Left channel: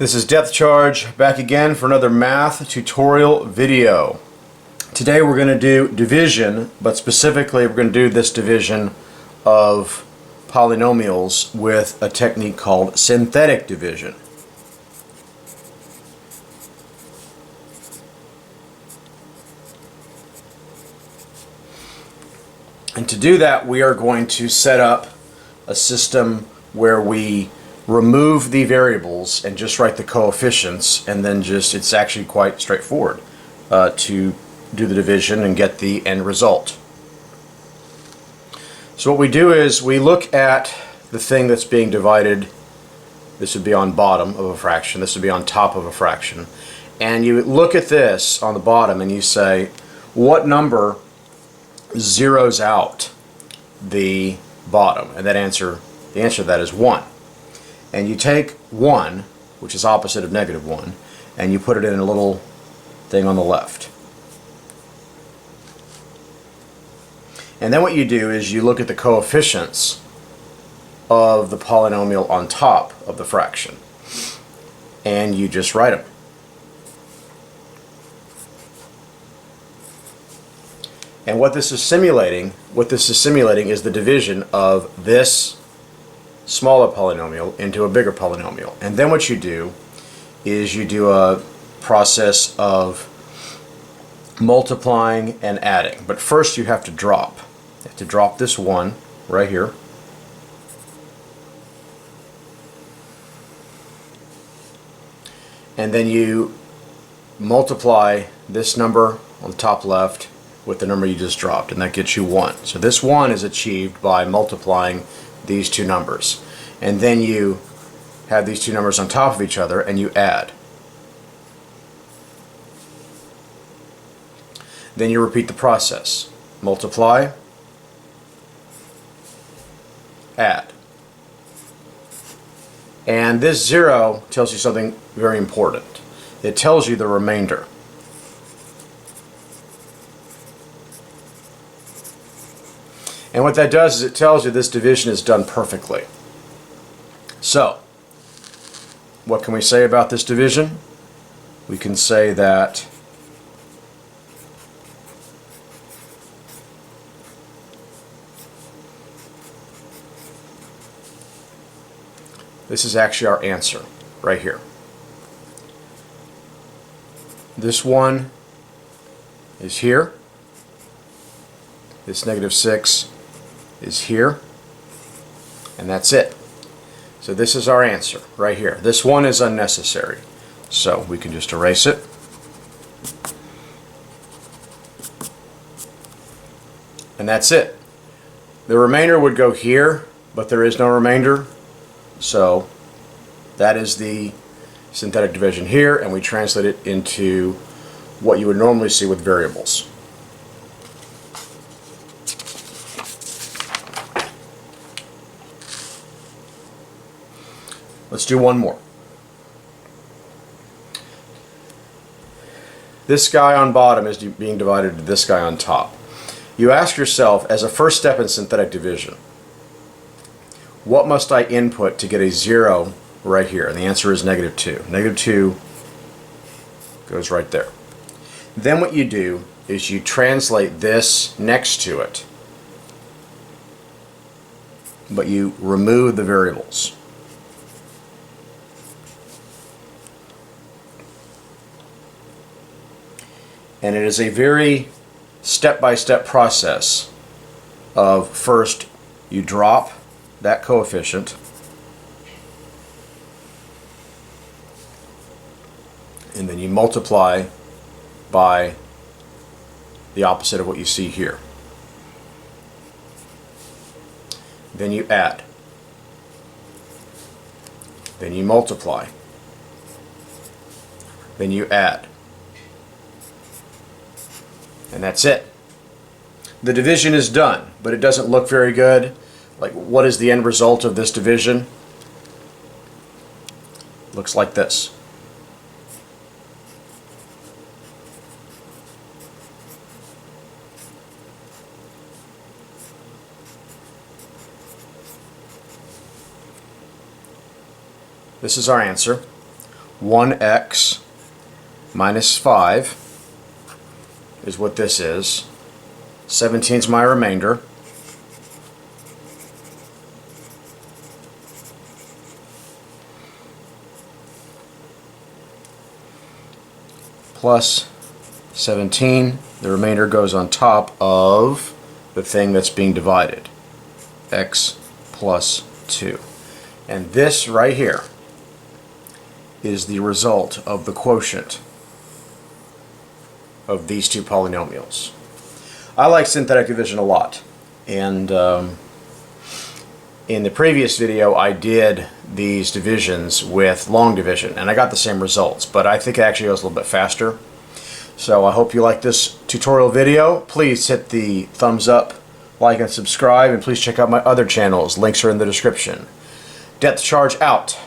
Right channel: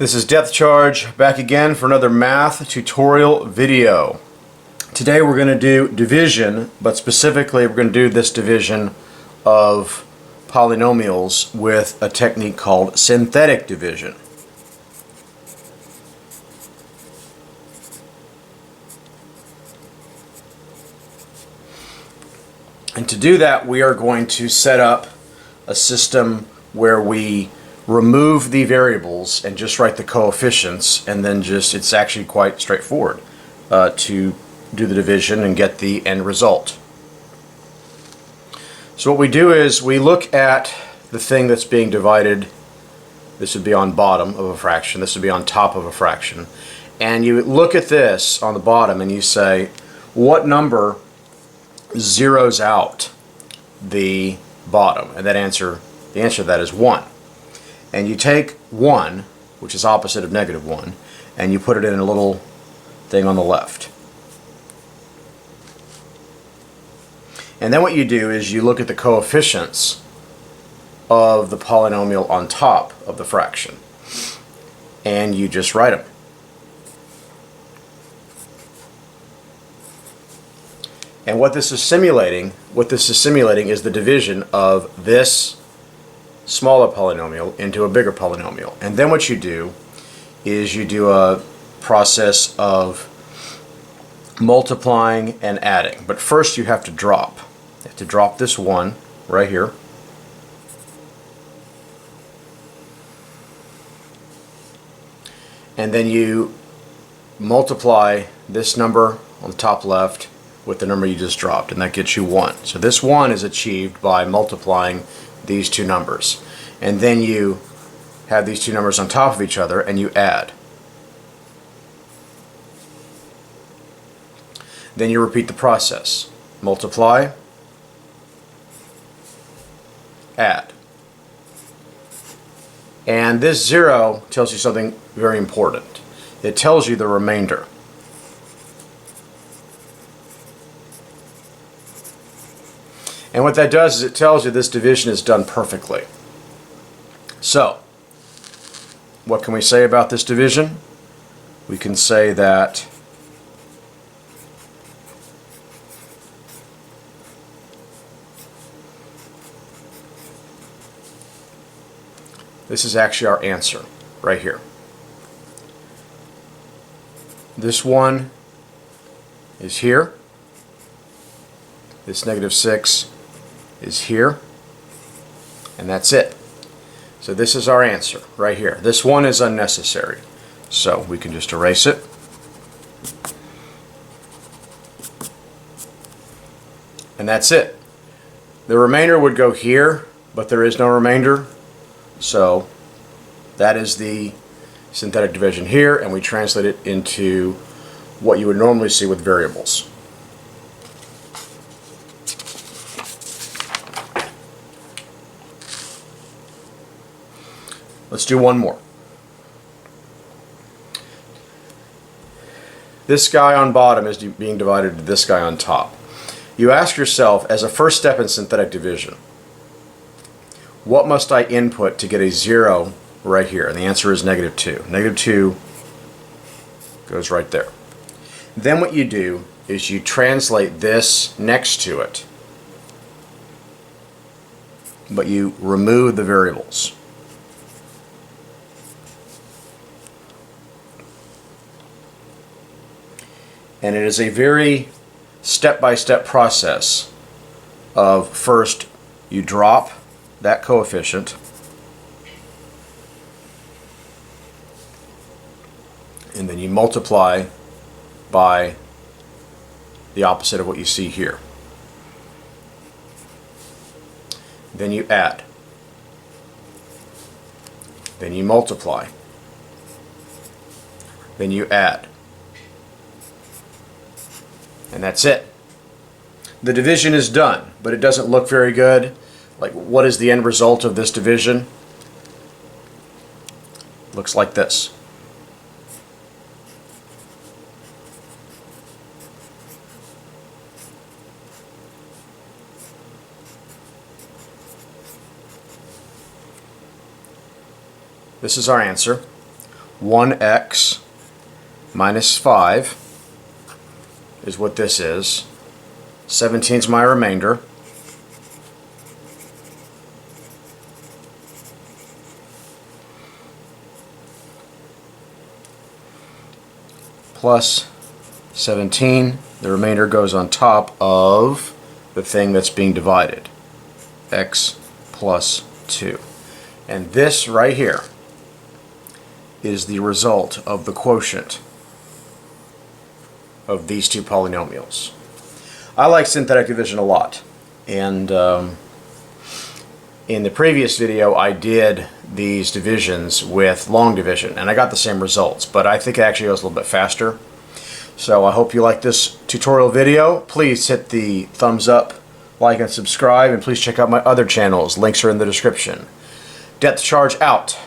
This is Depth Charge back again for another math tutorial video. Today we're going to do division, but specifically we're going to do this division of polynomials with a technique called synthetic division. And to do that, we are going to set up a system where we remove the variables and just write the coefficients, and then it's actually quite straightforward to do the division and get the end result. So what we do is we look at the thing that's being divided. This would be on bottom of a fraction, this would be on top of a fraction, and you look at this on the bottom and you say, what number zeroes out the bottom? And the answer to that is 1. And you take 1, which is opposite of negative 1, and you put it in a little thing on the left. And then what you do is you look at the coefficients of the polynomial on top of the fraction, and you just write them. And what this is simulating is the division of this smaller polynomial into a bigger polynomial. And then what you do is you do a process of multiplying and adding. But first you have to drop. You have to drop this 1 right here. And then you multiply this number on the top left with the number you just dropped, and that gets you 1. So this 1 is achieved by multiplying these two numbers. And then you have these two numbers on top of each other and you add. Then you repeat the process. Multiply, add. And this 0 tells you something very important. It tells you the remainder. And what that does is it tells you this division is done perfectly. So, what can we say about this division? We can say that this is actually our answer right here. This 1 is here. This negative 6 is here, and that's it. So this is our answer right here. This 1 is unnecessary, so we can just erase it. And that's it. The remainder would go here, but there is no remainder, so that is the synthetic division here, and we translate it into what you would normally see with variables. Let's do one more. This guy on bottom is being divided to this guy on top. You ask yourself, as a first step in synthetic division, what must I input to get a 0 right here? And the answer is negative 2. Negative 2 goes right there. Then what you do is you translate this next to it, but you remove the variables. And it is a very step-by-step process of first you drop that coefficient, and then you multiply by the opposite of what you see here. Then you add. Then you multiply. Then you add. And that's it. The division is done, but it doesn't look very good. Like, what is the end result of this division? Looks like this. This is our answer. 1x minus 5 is what this is. 17 is my remainder. Plus 17, the remainder goes on top of the thing that's being divided, x plus 2. And this right here is the result of the quotient of these two polynomials. I like synthetic division a lot, and in the previous video I did these divisions with long division and I got the same results, but I think it actually goes a little bit faster. So I hope you like this tutorial video. Please hit the thumbs up, like, and subscribe, and please check out my other channels. Links are in the description. Depth charge out.